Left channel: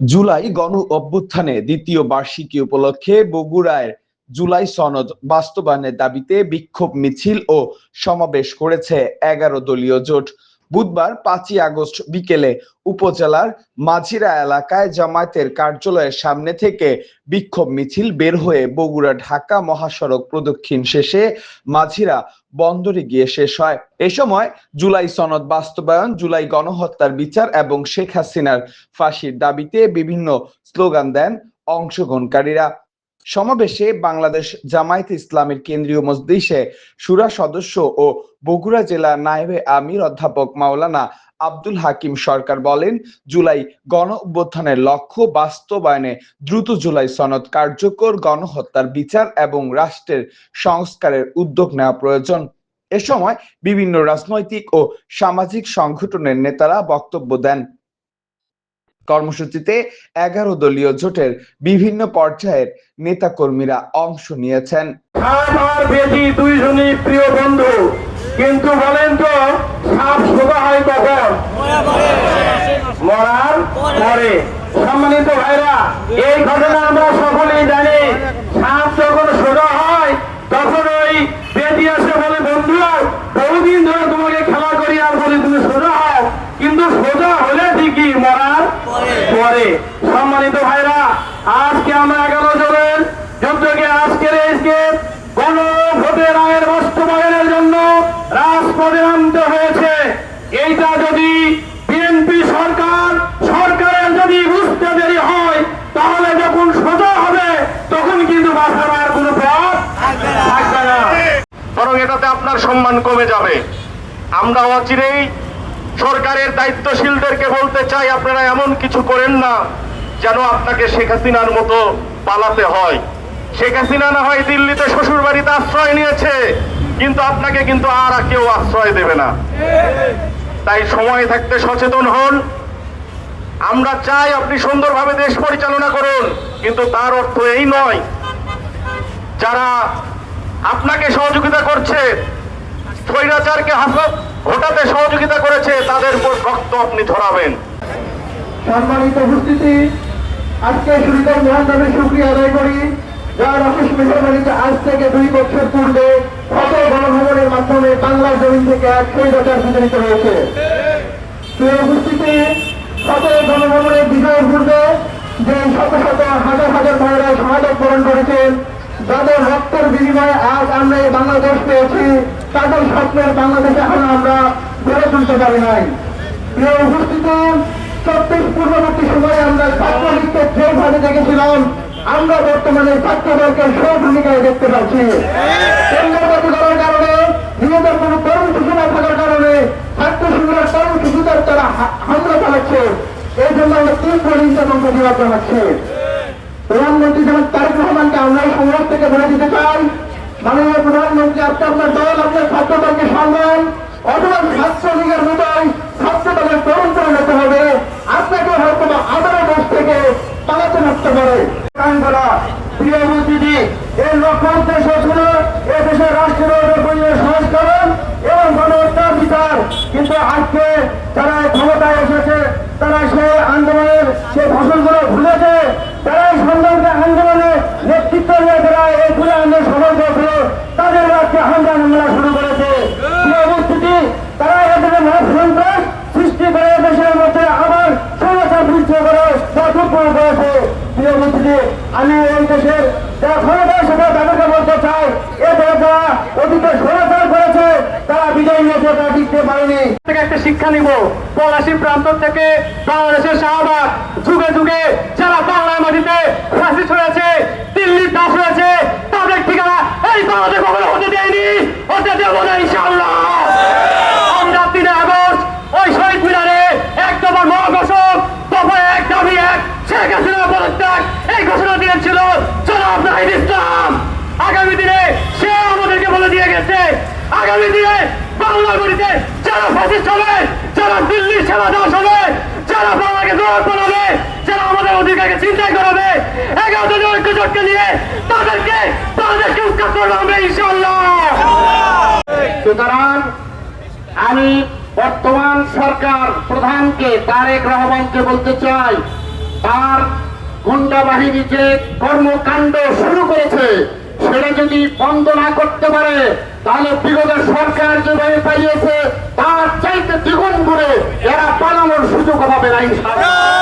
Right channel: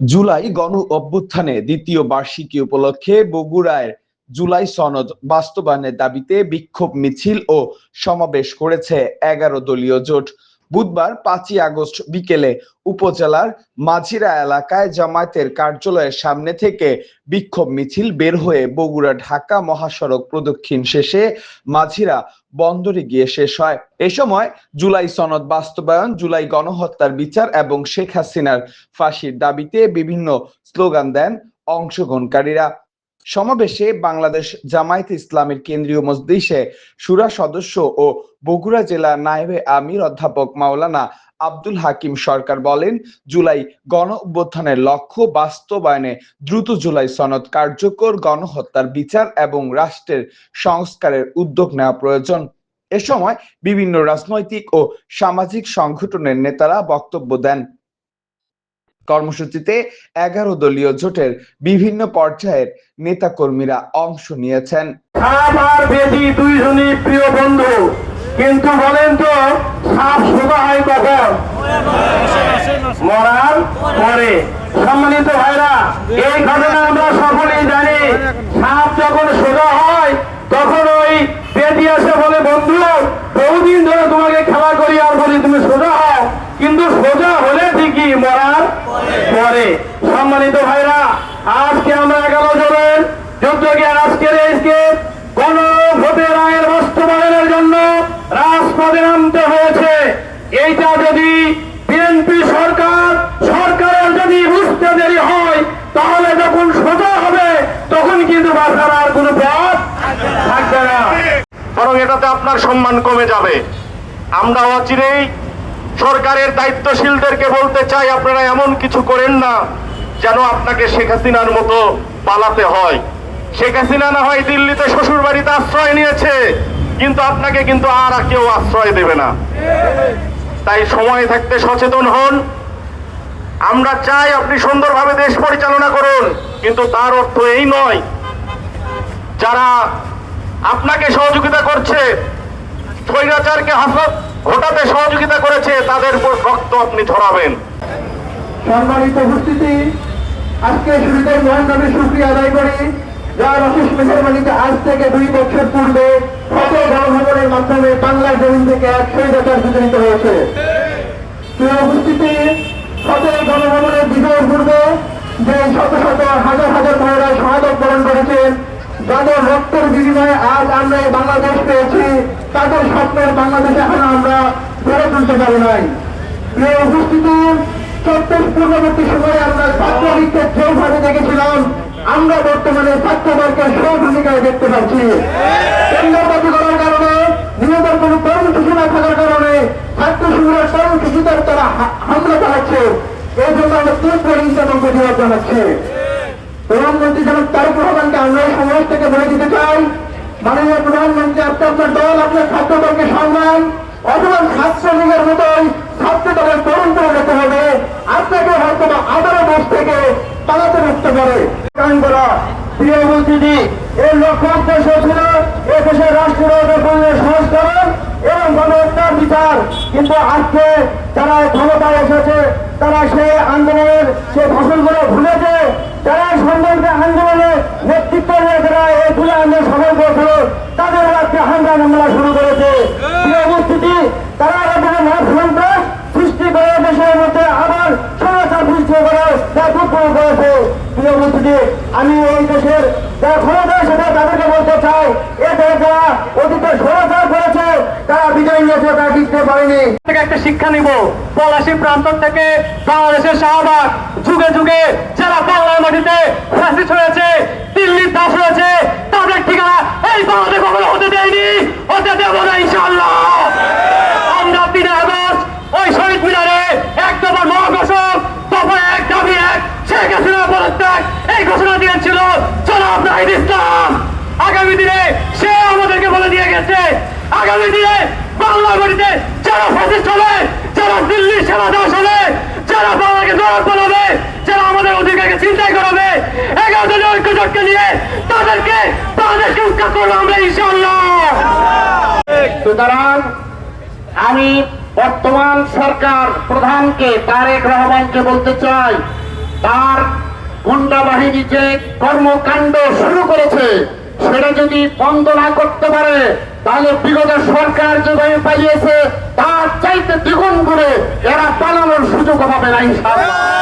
জুলাই গণ অভ্যুত্থানে দ্বিতীয় বার্ষিকী উপলক্ষে বগুড়ায় জুলাই সনদ বাস্তবায়নের দাবিতে বিক্ষোভ মিছিল ও সমাবেশ করেছে ১১ দলীয় জোট। বুধবার ৫ই আগস্ট বিকেলে উপজেলার মাঝিরা এলাকায় জামায়াতের কার্যালয়ের সামনে থেকে বিক্ষোভ মিছিল বের হয়ে বগুড়া ঢাকা মহাসড়ক প্রদক্ষিণ শেষে মাঝিরা বন্দরে গিয়ে শেষ হয়। এ সময় জুলাই সনদ বাস্তবায়ন, জুলাই গণহত্যার বিচার এবং শেখ হাসিনার ফাঁসির দাবিতে বিভিন্ন স্লোগান দেন অংশগ্রহণকারীরা। সমাবেশে বাংলাদেশ জামায়াতে ইসলামীর কেন্দ্রীয় মজলিসে শুরা সদস্য ও বগুড়া জেলা নায়েবে আমির অধ্যাপক মাওলানা আব্দুল হাকিম সরকার বলেন, জুলাই গণ অভ্যুত্থানের লক্ষ্য বাস্তবায়নে দ্রুত জুলাই সনদ কার্যকর, গণহত্যার বিচার এবং রাষ্ট্রের সংস্কারের উদ্যোগ নেওয়া প্রয়োজন। এ সময় বিভিন্ন রাজনৈতিক ও সামাজিক সংগঠনের নেতারা বক্তব্য দেন। কর্মসূচিতে ১১ দলীয় জোটের বিভিন্ন পর্যায়ের নেতাকর্মীরা অংশ নিয়েছেন। দুইজনই প্রিয় বন্ধু, কিন্তু বলেন তো সাপ সোজা হয় কখন? মরার পরে। সম্মানিত ভাইরা, এই ঘটনা আমরা সকলেই জানি। সাপ যখন সোজা হয় তখন ওই বেদি এসে বলে, বন্ধু বহুদিন ধরে তোমাকে খেলা করি আর বলি তুমি সোজা হও, কিন্তু সোজা হলে ঠিকই মরার পরে। সম্মানিত ভাইরা, আজকে আমরা ১১ জনের যুদ্ধকে আজকের এইকে গণভোটের আইন বাস্তবায়নের জন্য রাজপথে নামতে হয়েছে। এইটা যদি বিএনপি সরকারের যদি বুঝতে দেরি হয়, তাহলে যখন সোজা হবে তখন কিন্তু বাঁচার আর কোনো পথ থাকবে না, বরং এটাতে আপনার সম্মান কমে যাবে। আমরা অচিরেই সরকারের দায়িত্বশীলদেরকে বলতে চাই, আপনারা এমন কিছু করেন না যেন আপনাকে শেখ হাসিনার মতো পালাতে হয়। শেখ হাসিনা না হয় দিল্লিতে শ্বশুর বাড়িতে আশ্রয় নিয়েছে, কিন্তু আপনাকে কিন্তু আর কেউ আশ্রয় দেবে না। তাই সময় থাকতে সচেতন হন। আমরা চাই আপনি সুন্দরভাবে দেশ পরিচালনা করুন, কিন্তু তার অর্থ এই নয় যারা আপনাকে সহযোগিতা করছে, স্বৈরাচারকে হটাতে সহযোগিতা করেছে, তাদের উপর রক্ত আপনি ঝরাবেন। সম্মানিত উপস্থিতি, আজকে শুরুতেই মহানভাবে শুকরিয়া আদায় করি, যার অশেষ মেহরবানিতে আজ থেকে 2 বছর পূর্বে কত গণভবনের মাধ্যমে বাংলার জমিন থেকে এক স্বৈরাচার বিতাড়িত হয়েছে। উপস্থিতি, কত গণভবনের বিজয়ের পূর্বে যে শত শত হাজার হাজার মহিলা শাহাদত বরণ করেছেন, যাদের রক্তের বিনিময়ে আজ আমরা এই বাংলাদেশ পেয়েছি, তাদের স্বপ্নের বাংলাদেশ এখন আমরা গড়ে তুলতে পারি নাই। প্রিয় উপস্থিতি, ৩৪ পূর্ববর্তী সময়ে আমরা ছাত্রলীগকে যেভাবে দেখেছিলাম, আমরা বর্তমানে ছাত্রদলকে সহভূমিকায় দেখতে পাচ্ছি। কেন্দ্রবাদী করার কারণে, নিহতের কোন কর্মসূচি না থাকার কারণে ছাত্র শিবিরের কর্মসূচিদের তারা হামলা চালাচ্ছে। এই জন্য আমরা তীব্র নিন্দা এবং প্রতিবাদ জানাচ্ছি। প্রধানমন্ত্রী জনাব তারেক রহমানকে আমরা সমাজ থেকে বলে দিতে চাই, মাননীয় প্রধানমন্ত্রী, আপনি আপনার দল, আপনার ছাত্রদলকে সম্মান, অথবা ছাত্রলীগের মতোই ছাত্রদলের পরম্পরা হতে হবে। আপনাকে হয়তো আবারও দেশ থেকে পালাতে হতে পারে। প্রিয় মন্ত্রী, এই লক্ষ্য উদ্দেশ্য ছিল এদেশের রাষ্ট্রীয় সংস্করণ এবং গণহত্যার বিচার, কিন্তু আজকে যারা ক্ষমতায় এসেছে তারা সেই আন্দোলনের সেই ফসলগুলো ভুলেছে। তারা সংগ্রামকে আন্দোলনে নেতৃত্ব নিয়ে তারা এই খুলে আন্দোলন সফল করেছিল, তাদের আজকে হামলা মামলা শুরু করেছে। প্রিয় উপস্থিতি, তারা এখানে সন্ত্রাস সৃষ্টি করে দেশের মধ্যে আবার সমস্যা সৃষ্টি করে উৎপন্ন করেছে। প্রিয় উপস্থিতি, আমি এই দেশের যারা ক্ষমতা সেটা তাদেরকে বলতে চাই, এদের যারা অতীতে সমাচার করেছে তারা বিজয় নিয়েছে, তারা জিততে পারেনি। একটা শিক্ষা নিব, পলাশী প্রান্ত থেকে বাংলাদেশের শাহবাগ যুগে যুগে যারা বাংলার মাটিতে ফ্যাসিস্ট হয়েছে, দিল্লির দাস হয়েছে, তাদের ঠিকানা এই বাংলাদেশ কখনো হতে দেয়নি, হতে দেব না ইনশাআল্লাহ। আমরা 3 আগস্ট ওই শহীদ মিনারে এক দফা মহাঘোষক, দফা 1 দাবি 1 শেখ হাসিনা পদত্যাগ এই ঘোষণা দিয়েছিল জনাব নাহিদ ইসলাম। আগামী দিনে সে আমাদেরকে বলে দিয়ে গেছে, আগামী দিনে বাংলার মাটিতে যারা ফ্যাসিস্ট হবে, যারা দিল্লির সেনা দাস হবে, যারা বাংলাকে দৌড় পালাবে, যারা আমাদের অধিকারকে চিন্তাই করাবে, 11 দলীয় ঐক্যজোটকে নিয়ে তাদেরকে উৎখাত করবো আমরা ইনশাআল্লাহ। সুতরাং আমি বর্তমান সরকার প্রধানকে তারেক রহমানকে বলতে চাই, তার গুন্ডা বাহিনী যে কর্মকাণ্ড শুরু করেছে সেটা যদি বন্ধ না করতে পারে তাহলে বিগত সরকার যেভাবে পালিয়েছে তার চাইতে দ্বিগুণ করে এরা পালানোর সুযোগ পাবে না ইনশাআল্লাহ।